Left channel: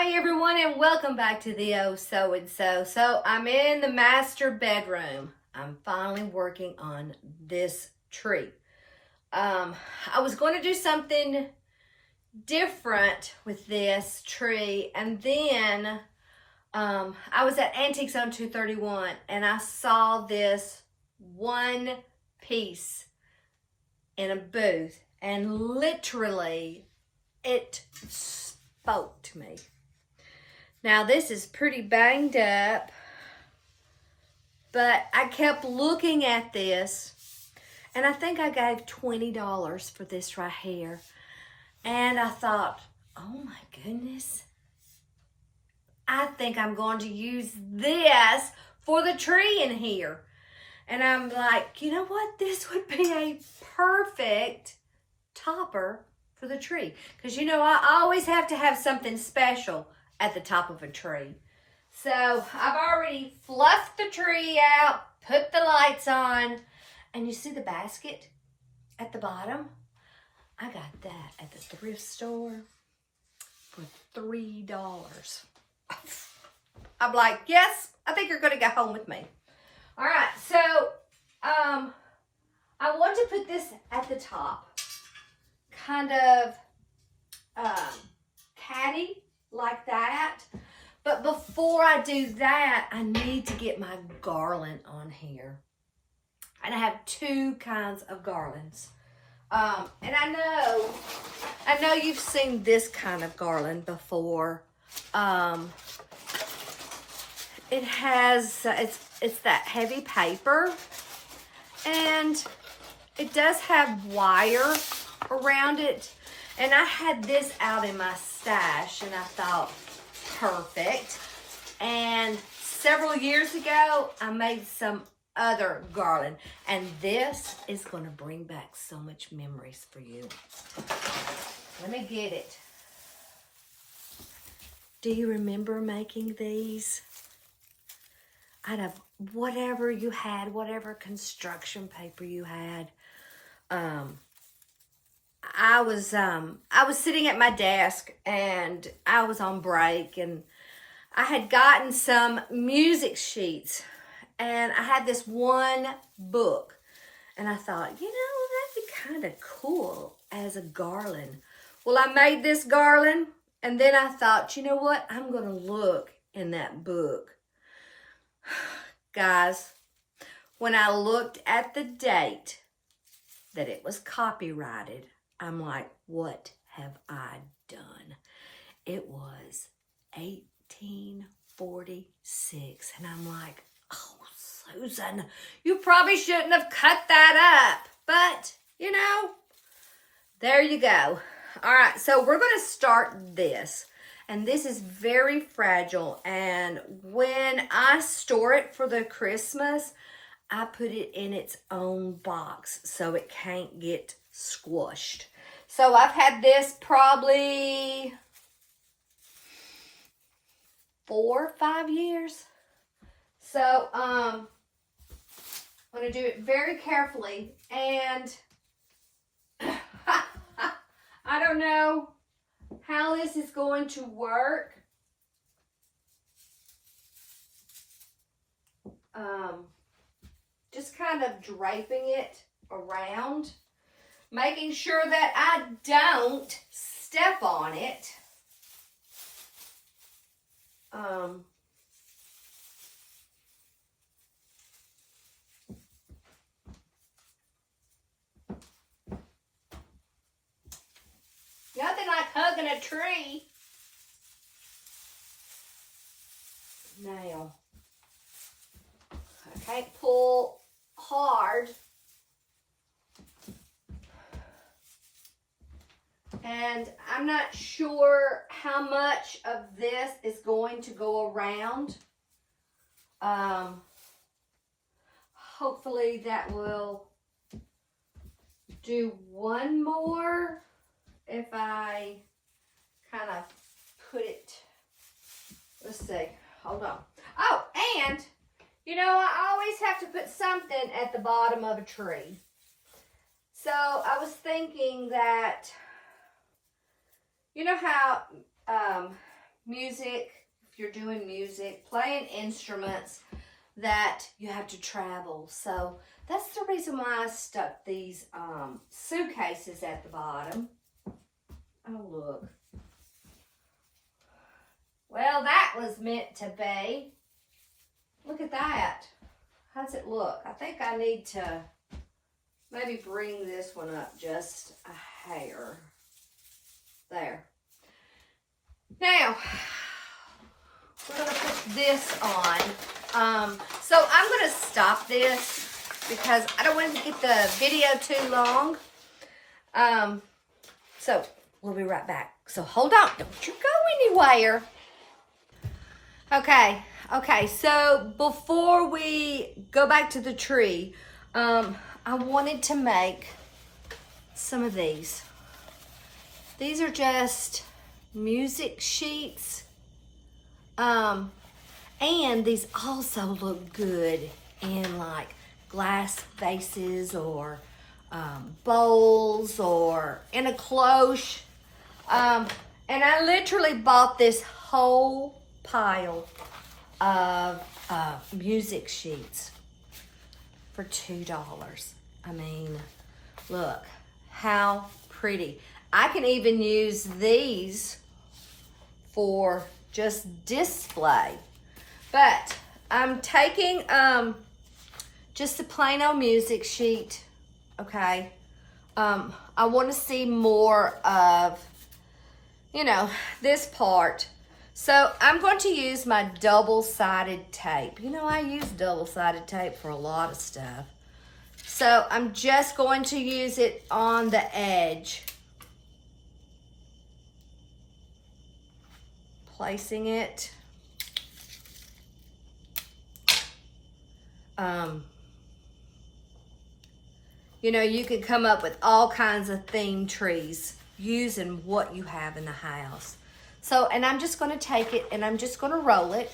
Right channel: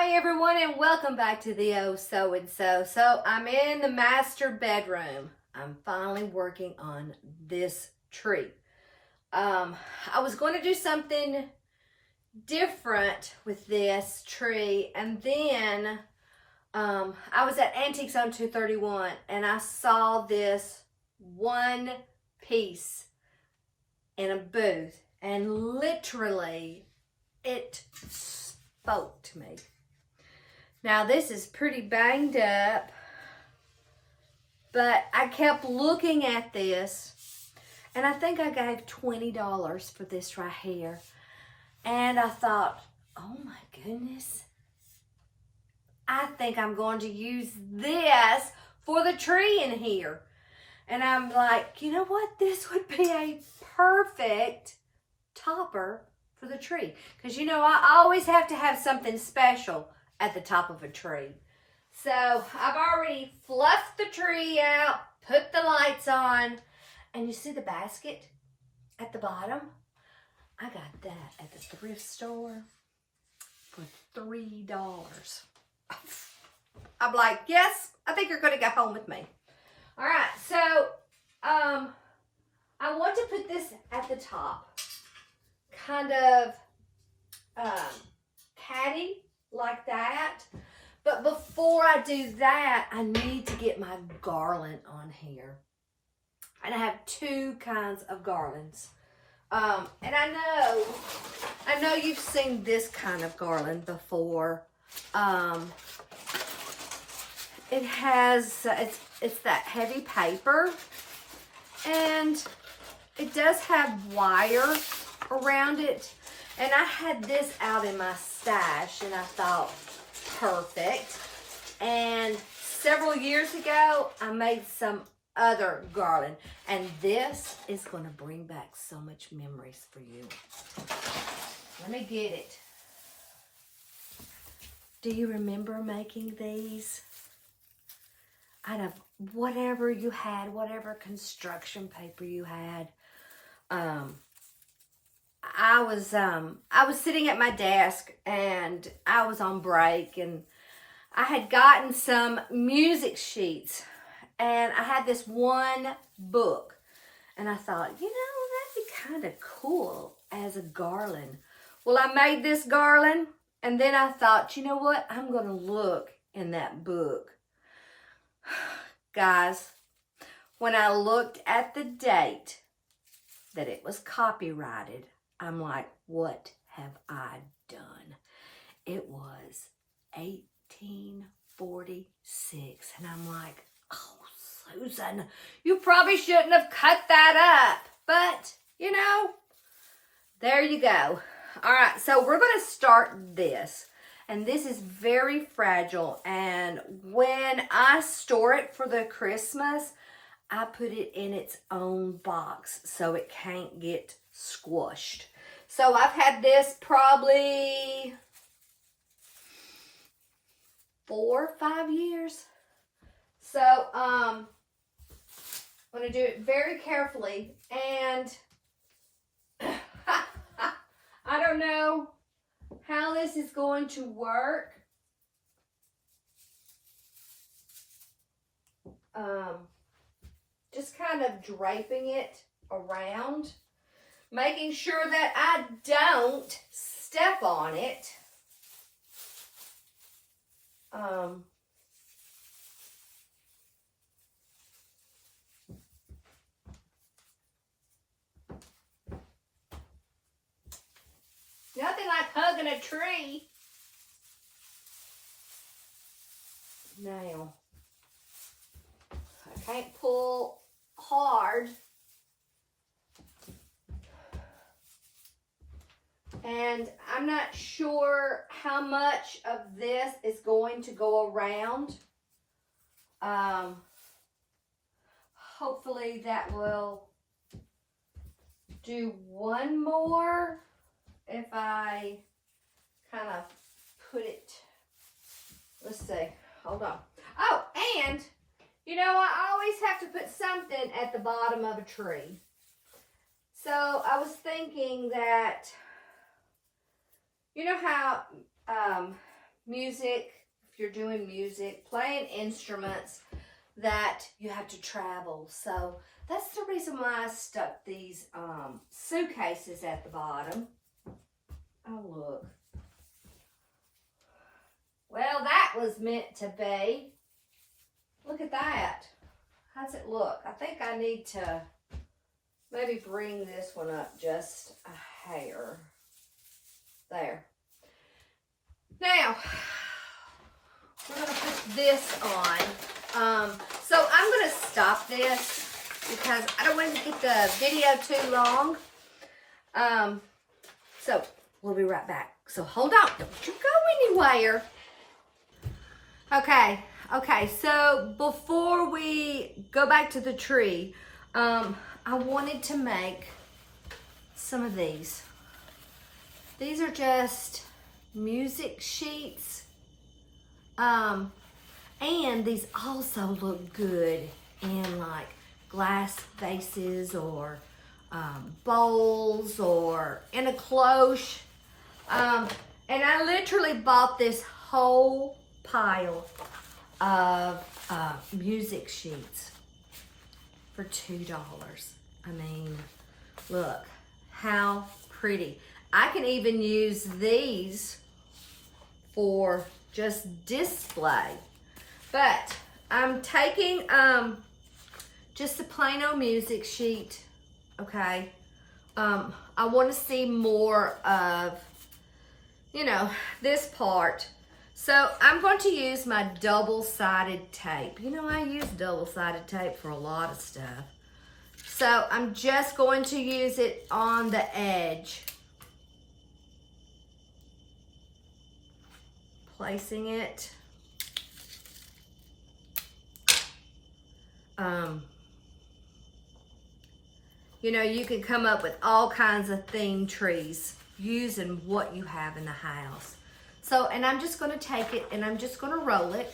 Hi everyone and welcome back to the Oh So and So. So I'm in the master bedroom. I'm finally working on this tree. I was going to do something different with this tree, and then I was at Antiques on 231 and I saw this one piece in a booth, and literally it spoke to me. Now this is pretty banged up, but I kept looking at this, and I think I gave $20 for this right here. And I thought, oh my goodness, I think I'm going to use this for the tree in here. And I'm like, you know what? This would be a perfect topper for the tree. Because you know, I always have to have something special at the top of a tree. So I've already fluffed the tree out, put the lights on, and you see the basket at the bottom? I got that at the thrift store for $3. I'm like, yes, I think you're gonna go home with me. All right, so I want to put this at the top, kind of catty like that. But before I do that, I need to get my garland on here. And I have two kinds of garlands. And I know you've seen this kind of garland before. It has, it's that heavy paper, and it does have wire around it. And I had this out in my stash, and I thought, perfect. And several years ago, I made some other garland, and this is going to bring back so much memories for you. Let me get it. Do you remember making these out of whatever you had, whatever construction paper you had? I was sitting at my desk, and I was on break, and I had gotten some music sheets, and I had this one book, and I thought, you know, that'd be kind of cool as a garland. Well, I made this garland, and then I thought, you know what? I'm going to look in that book. Guys, when I looked at the date that it was copyrighted, I'm like, what have I done? It was 1846. And I'm like, oh, Susan, you probably shouldn't have cut that up. But, you know, there you go. All right, so we're going to start this. And this is very fragile. And when I store it for the Christmas, I put it in its own box so it can't get squished. So I've had this probably 4 or 5 years. So I'm going to do it very carefully. And I don't know how this is going to work. Just kind of draping it around, making sure that I don't step on it. Nothing like hugging a tree. Now, I can't pull hard. And I'm not sure how much of this is going to go around. Hopefully that will do one more if I kind of put it, let's see, hold on. Oh, and you know, I always have to put something at the bottom of a tree. So I was thinking that, you know how music, if you're doing music, playing instruments that you have to travel. So that's the reason why I stuck these suitcases at the bottom. Oh, look. Well, that was meant to be. Look at that. How's it look? I think I need to maybe bring this one up just a hair. There. Now, we're going to put this on. So I'm going to stop this because I don't want to get the video too long. So we'll be right back. So hold on. Don't you go anywhere. Okay, so before we go back to the tree, I wanted to make some of these. These are just music sheets. And these also look good in like glass vases or bowls or in a cloche. And I literally bought this whole pile of music sheets for $2. I mean, look how pretty. I can even use these for just display. But I'm taking just a plain old music sheet, okay? I want to see more of, you know, this part. So I'm going to use my double-sided tape. You know, I use double-sided tape for a lot of stuff. So I'm just going to use it on the edge. Placing it. You know, you can come up with all kinds of theme trees using what you have in the house. So, and I'm just going to take it and I'm just going to roll it.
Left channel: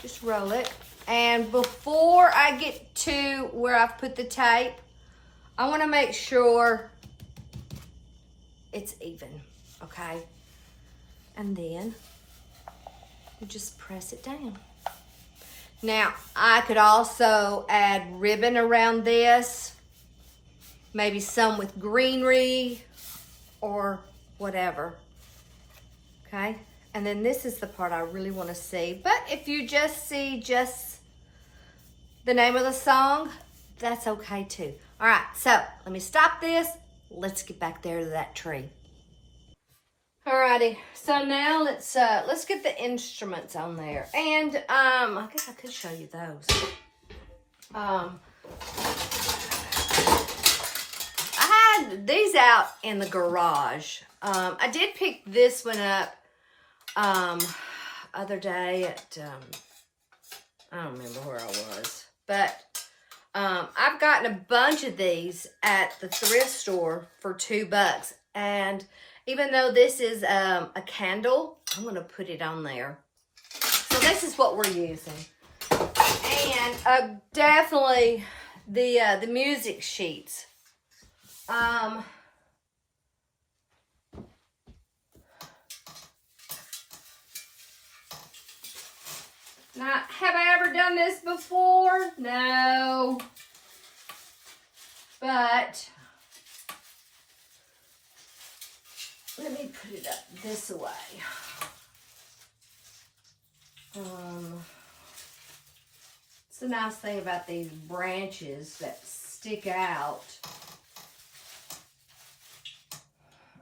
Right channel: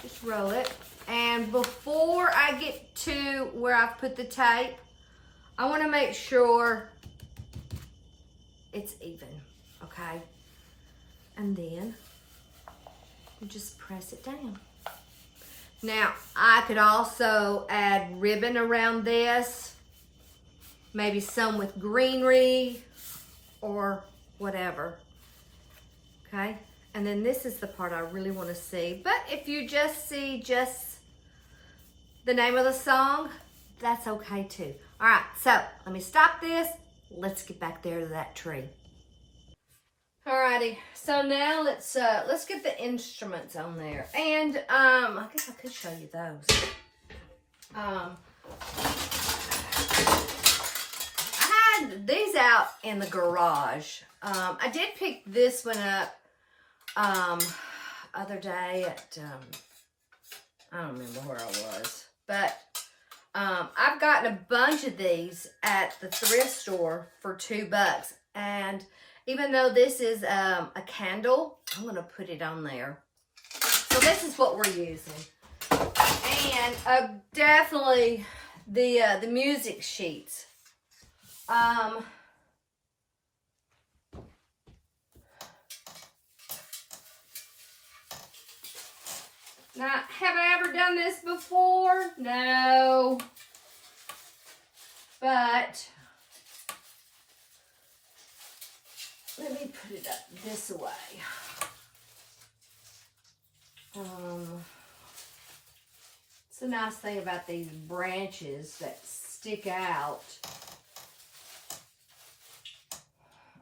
Just roll it. And before I get to where I've put the tape, I want to make sure it's even, okay? And then you just press it down. Now, I could also add ribbon around this, maybe some with greenery or whatever, okay? And then this is the part I really want to see. But if you just see just the name of the song, that's okay too. All right, so let me stop this. Let's get back there to that tree. Alrighty, so now let's get the instruments on there. And I guess I could show you those. I had these out in the garage. I did pick this one up other day at I don't remember where I was, but I've gotten a bunch of these at the thrift store for $2, and even though this is a candle, I'm going to put it on there. So this is what we're using. And definitely the music sheets. Now, have I ever done this before? No. But let me put it up this way. It's a nice thing about these branches that stick out.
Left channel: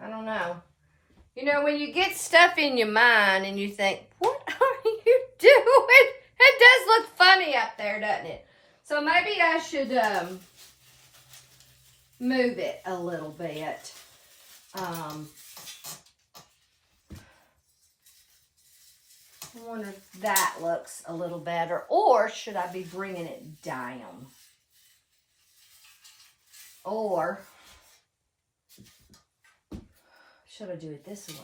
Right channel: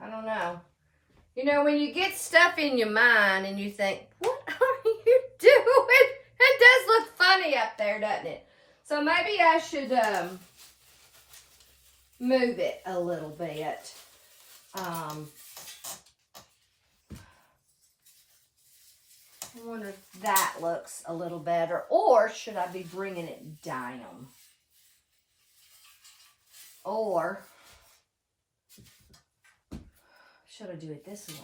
I don't know. You know, when you get stuff in your mind and you think, what are you doing? It does look funny up there, doesn't it? So maybe I should move it a little bit. I wonder if that looks a little better, or should I be bringing it down? Or should I do it this way?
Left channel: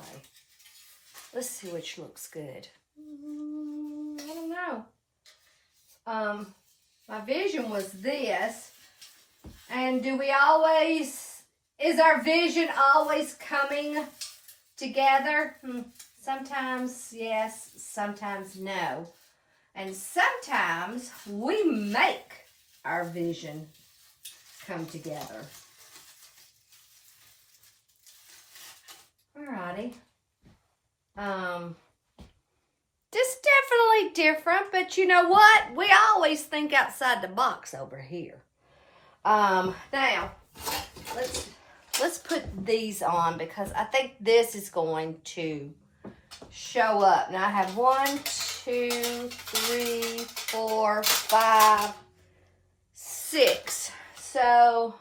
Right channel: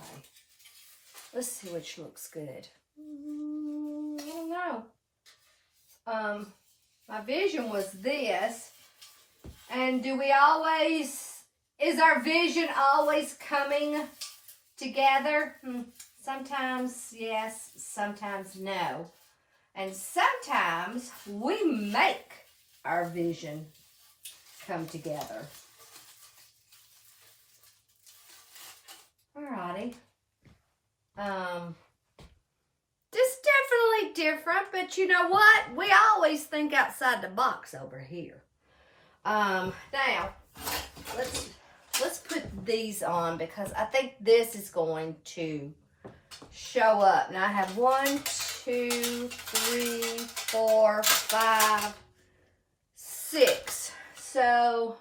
Let's see which looks good. I don't know. My vision was this. And do we always, is our vision always coming together? Sometimes yes, sometimes no. And sometimes we make our vision come together. Alrighty. Just definitely different, but you know what? We always think outside the box over here. Now, let's put these on because I think this is going to show up. Now I have 1, 2, 3, 4, 5, 6. So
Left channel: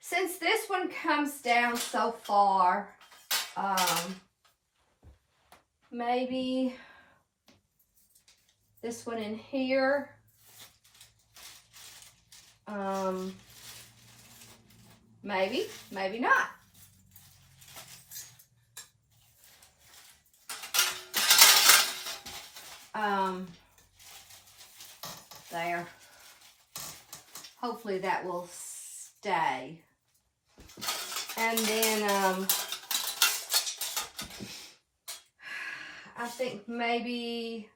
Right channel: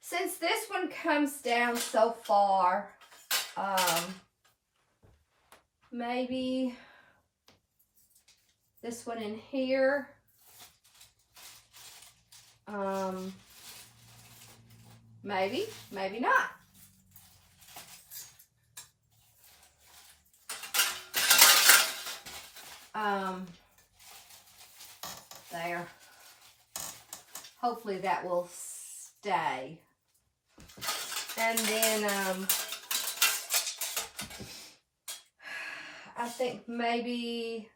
since this one comes down so far, maybe this one in here. Maybe not. There. Hopefully that will stay. And then, I think maybe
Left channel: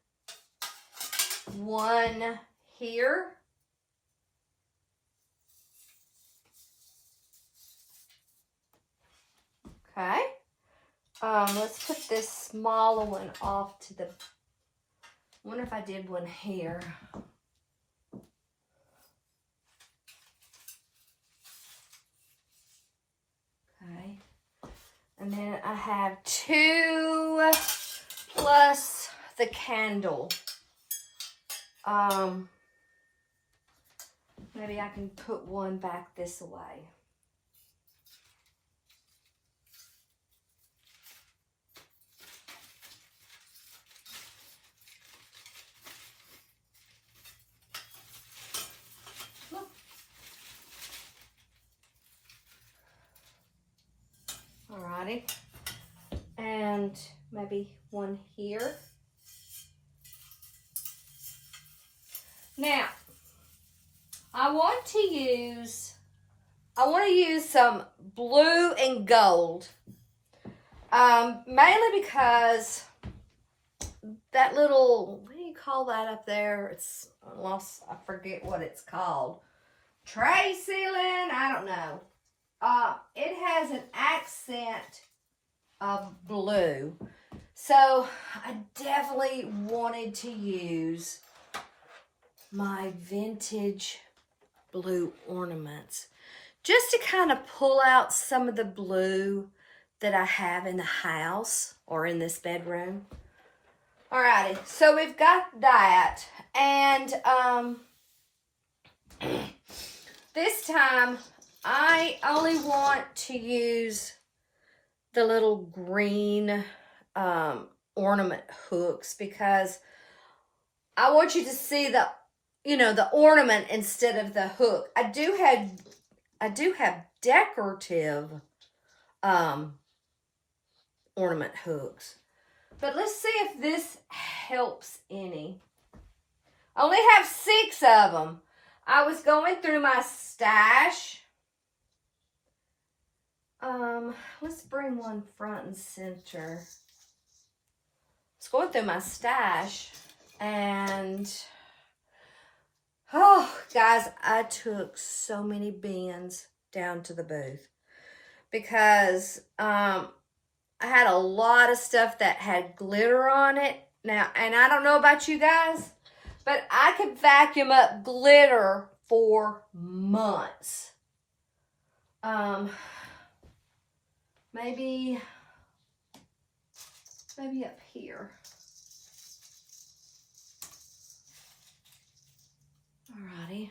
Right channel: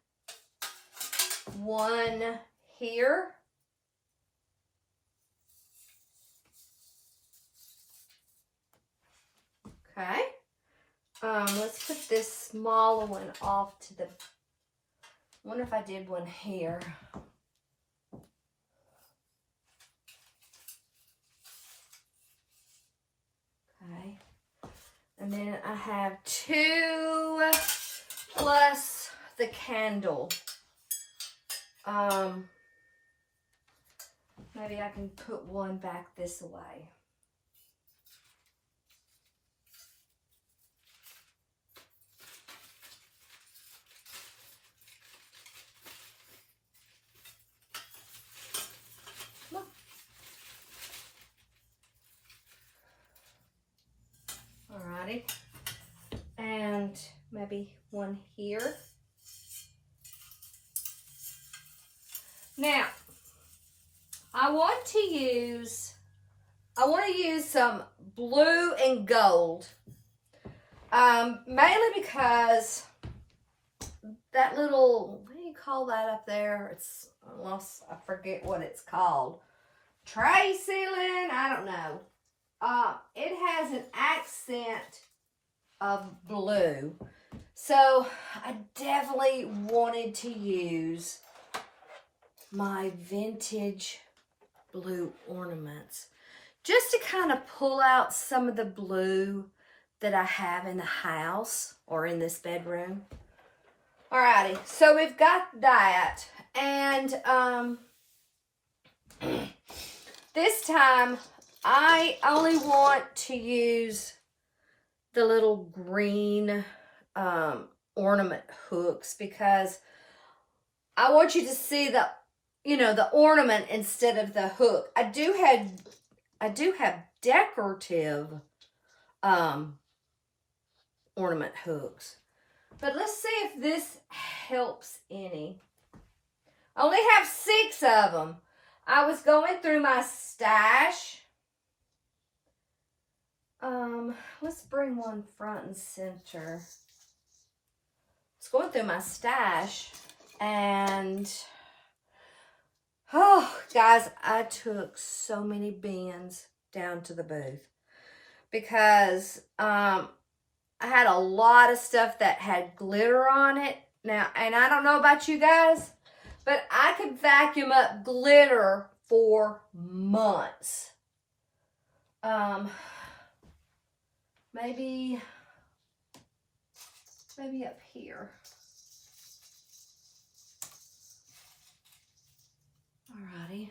one here. Okay. Let's put this smaller one off to the, I wonder if I did one here. Okay. And then I have 2 plus the candle. Maybe I can put one back this way. Alrighty, and maybe one here. Now, I want to use some blue and gold, mainly because that little, what do you call that up there? It's, I forget what it's called. Tray ceiling, I don't know. It has an accent of blue. So I definitely wanted to use my vintage blue ornaments just to kind of pull out some of the blue that I have in the house or in this bedroom. Alrighty, so we've got that. And this time I only want to use the little green ornament hooks because I want you to see the, you know, the ornament instead of the hook. I do have decorative ornament hooks. But let's see if this helps any. I only have 6 of them. I was going through my stash. Let's bring one front and center. I was going through my stash and, oh, guys, I took so many bins down to the booth because I had a lot of stuff that had glitter on it. Now, and I don't know about you guys, but I could vacuum up glitter for months. Maybe up here. Alrighty.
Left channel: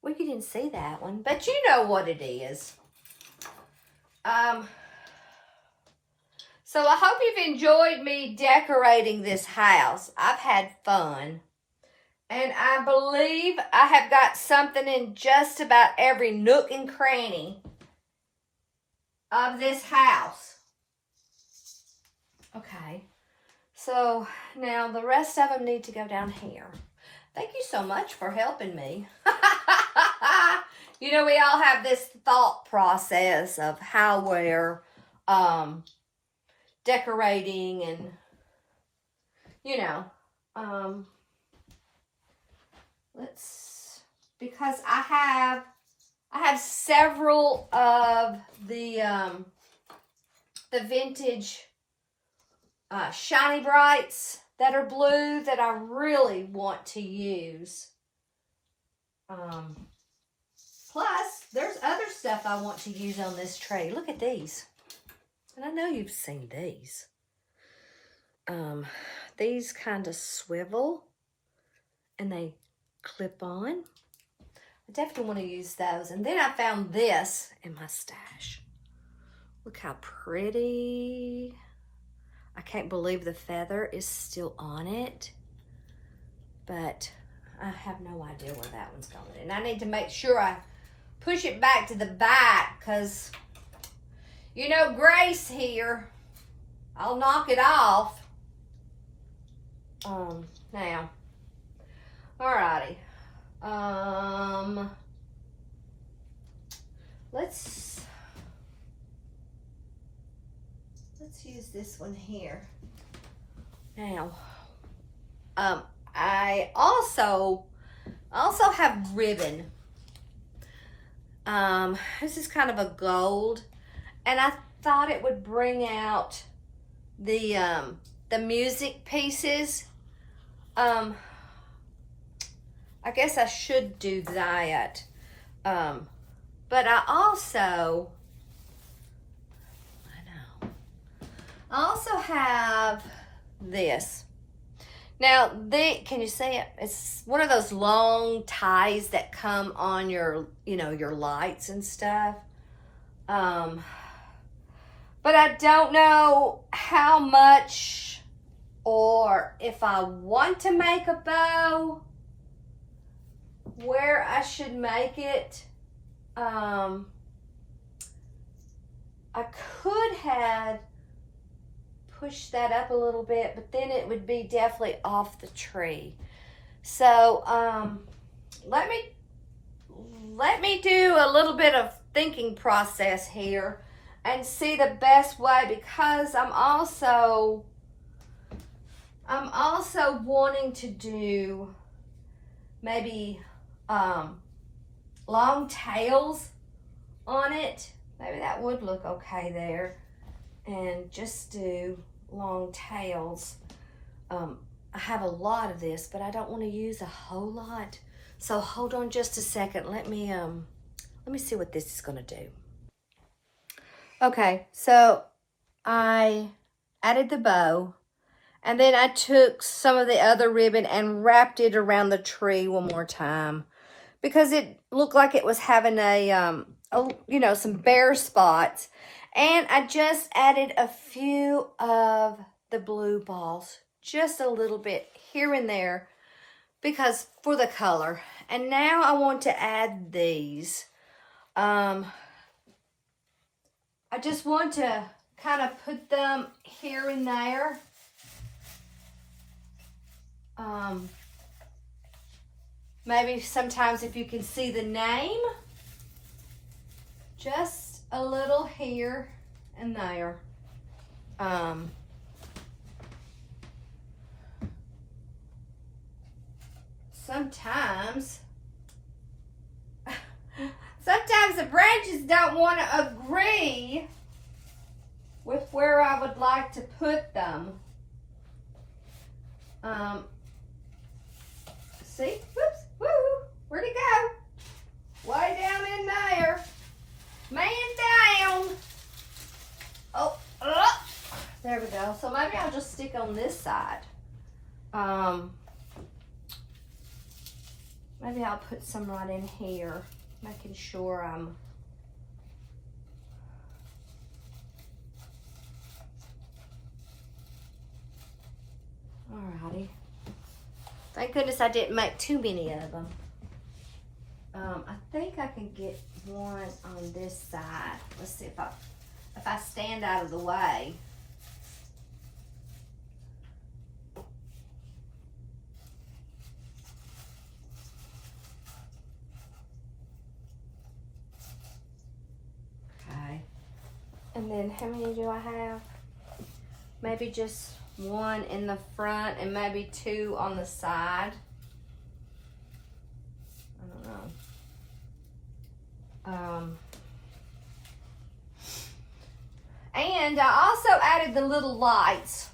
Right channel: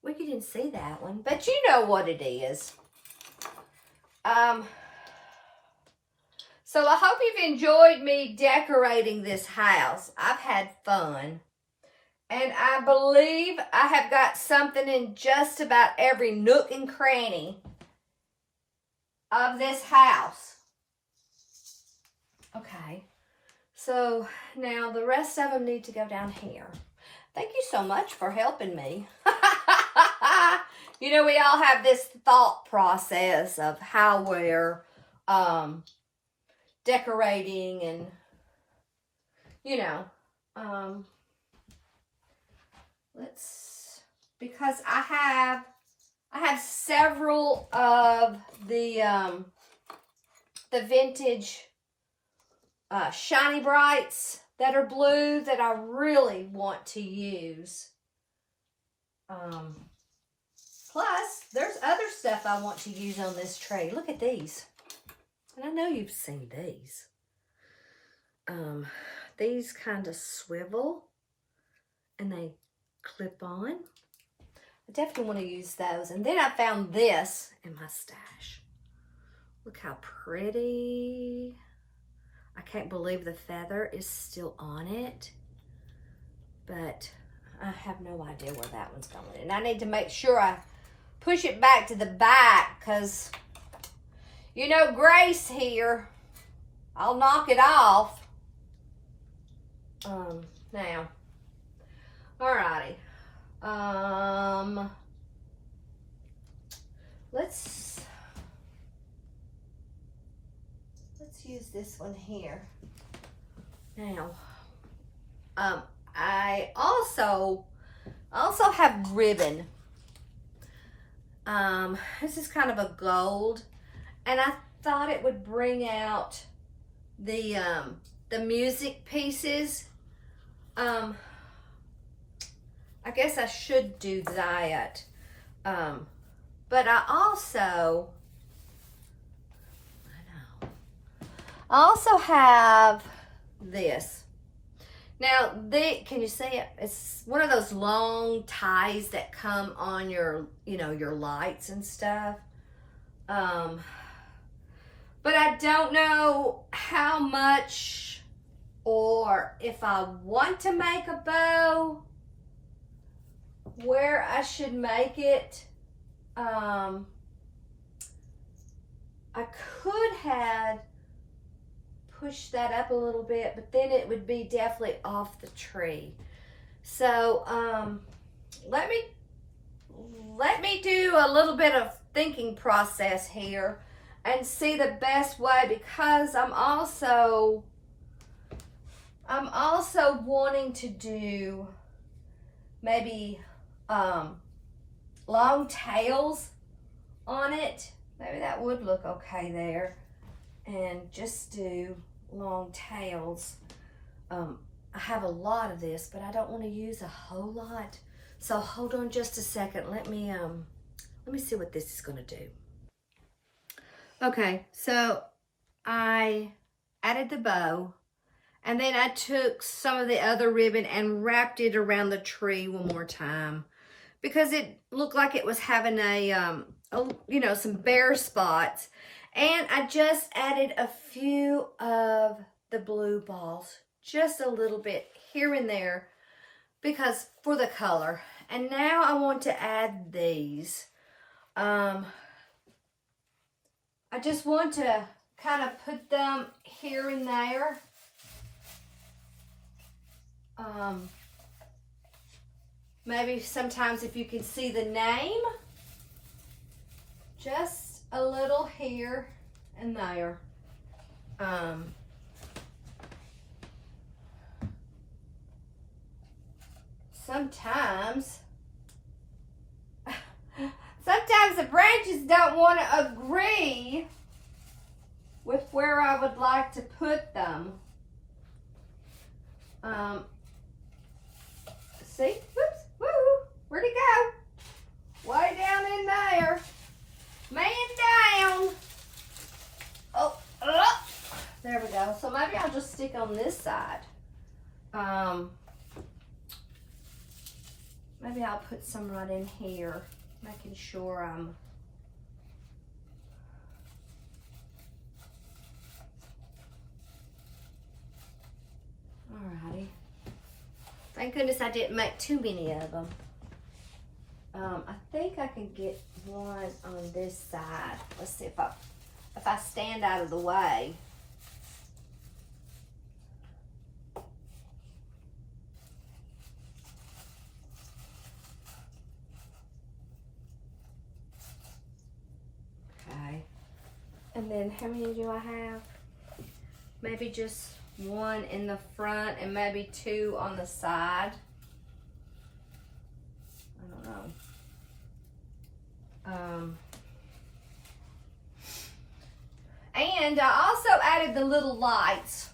Well, you didn't see that one, but you know what it is. So I hope you've enjoyed me decorating this house. I've had fun. And I believe I have got something in just about every nook and cranny of this house. Okay. So now the rest of them need to go down here. Thank you so much for helping me. You know, we all have this thought process of how we're decorating and, you know, because I have several of the vintage Shiny Brights that are blue that I really want to use. Plus, there's other stuff I want to use on this tray. Look at these. And I know you've seen these. These kind of swivel and they clip on. I definitely want to use those. And then I found this in my stash. Look how pretty. I can't believe the feather is still on it. But I have no idea where that one's going. And I need to make sure I push it back to the back because, you know, Grace here, I'll knock it off. Now, alrighty. Let's use this one here. Now, I also have ribbon. This is kind of a gold, and I thought it would bring out the music pieces. I guess I should do that. But I also have this. Now, can you see it? It's one of those long ties that come on your, you know, your lights and stuff. But I don't know how much or if I want to make a bow, where I should make it. I could have pushed that up a little bit, but then it would be definitely off the tree. So let me do a little bit of thinking process here and see the best way, because I'm also wanting to do maybe long tails on it. Maybe that would look okay there. And just do long tails. I have a lot of this, but I don't want to use a whole lot. So hold on just a second. Let me see what this is going to do. Okay, so I added the bow, and then I took some of the other ribbon and wrapped it around the tree one more time, because it looked like it was having a you know, some bare spots. And I just added a few of the blue balls, just a little bit here and there, because for the color. And now I want to add these. I just want to kind of put them here and there. Maybe sometimes if you can see the name, just a little here and there. Sometimes the branches don't want to agree with where I would like to put them. See? Whoops, woo, where'd it go? Way down in there. Man down. Oh, there we go. So maybe I'll just stick on this side. Maybe I'll put some right in here, making sure I'm alrighty. Thank goodness I didn't make too many of them. I think I can get one on this side. Let's see if I stand out of the way. And then how many do I have? Maybe just one in the front and maybe two on the side. I don't know. And I also added the little lights.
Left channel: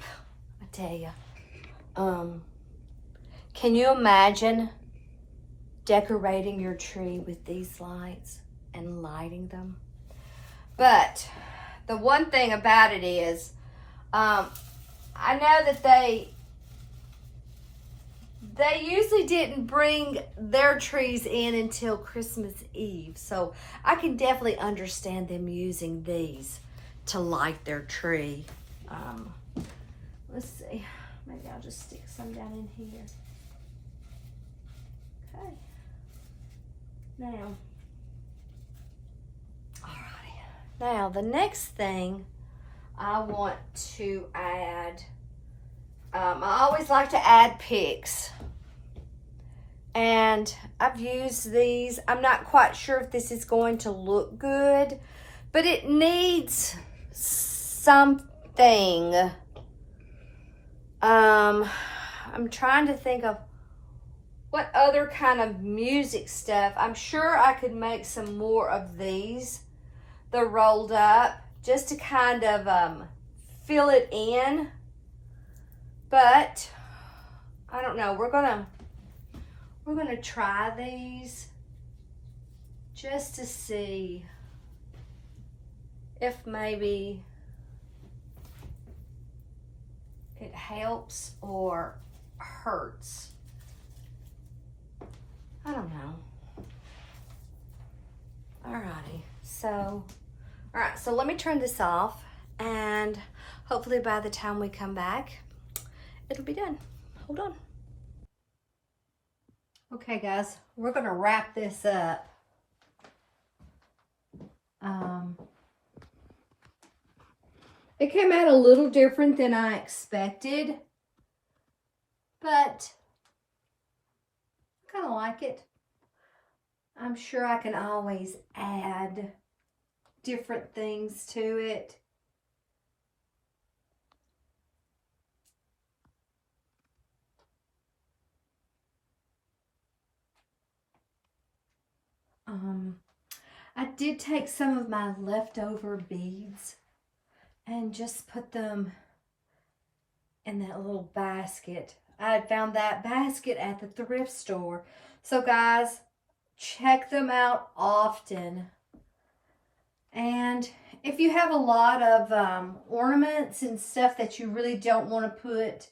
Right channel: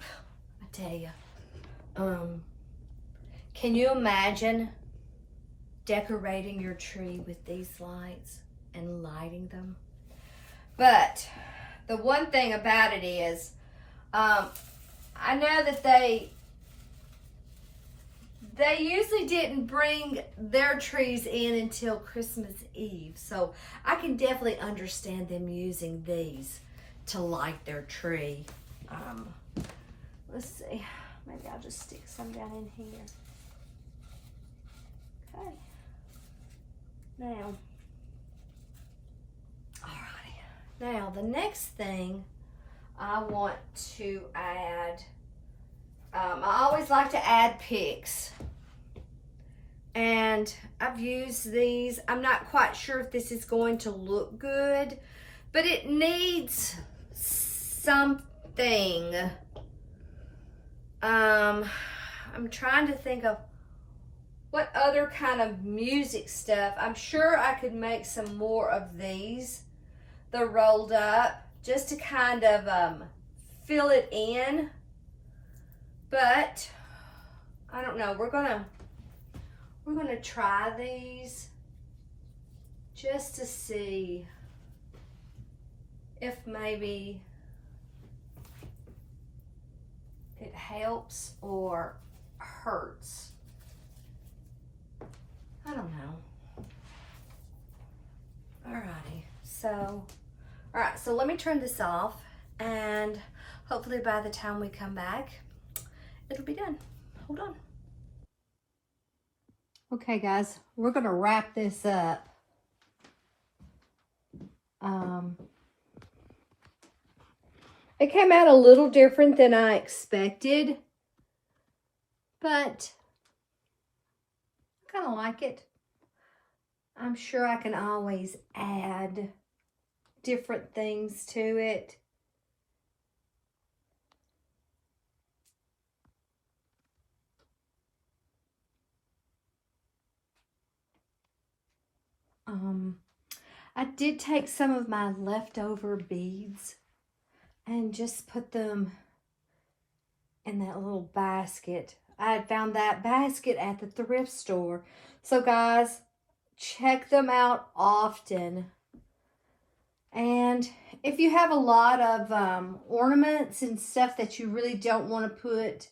I tell you, can you imagine decorating your tree with these lights and lighting them? But the one thing about it is, I know that they usually didn't bring their trees in until Christmas Eve. So I can definitely understand them using these to light their tree. Let's see, maybe I'll just stick some down in here. Okay. Now, alrighty. Now the next thing I want to add, I always like to add picks. And I've used these. I'm not quite sure if this is going to look good, but it needs something. I'm trying to think of what other kind of music stuff. I'm sure I could make some more of these. They're rolled up just to kind of fill it in. But I don't know. We're gonna try these just to see if maybe it helps or hurts. I don't know. Alrighty. So, alright, so let me turn this off, and hopefully by the time we come back, it'll be done. Hold on. Okay, guys, we're gonna wrap this up. It came out a little different than I expected, but I kind of like it. I'm sure I can always add different things to it. I did take some of my leftover beads and just put them in that little basket. I had found that basket at the thrift store. So guys, check them out often. And if you have a lot of ornaments and stuff that you really don't want to put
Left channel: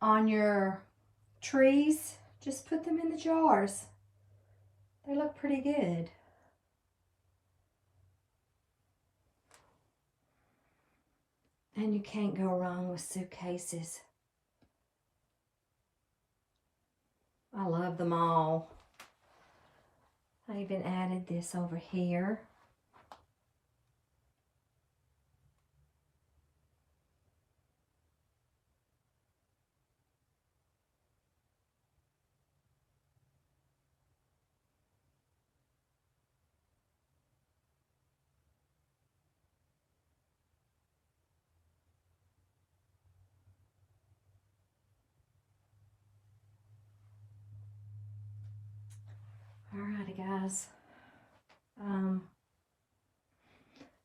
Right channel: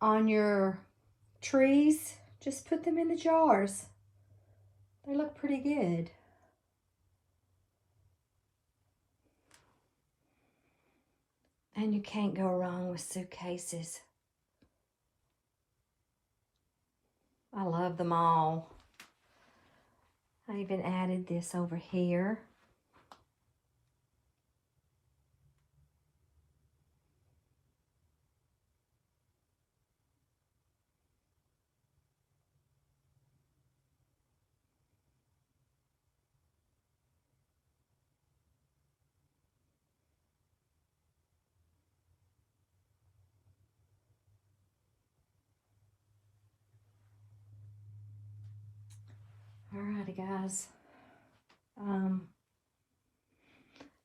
on your trees, just put them in the jars. They look pretty good. And you can't go wrong with suitcases. I love them all. I even added this over here. Alrighty, guys.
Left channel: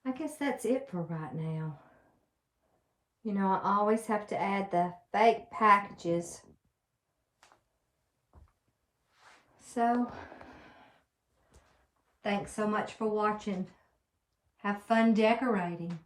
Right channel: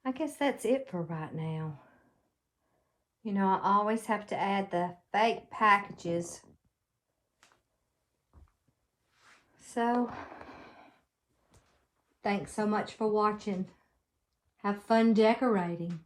I guess that's it for right now. You know, I always have to add the fake packages. So, thanks so much for watching. Have fun decorating.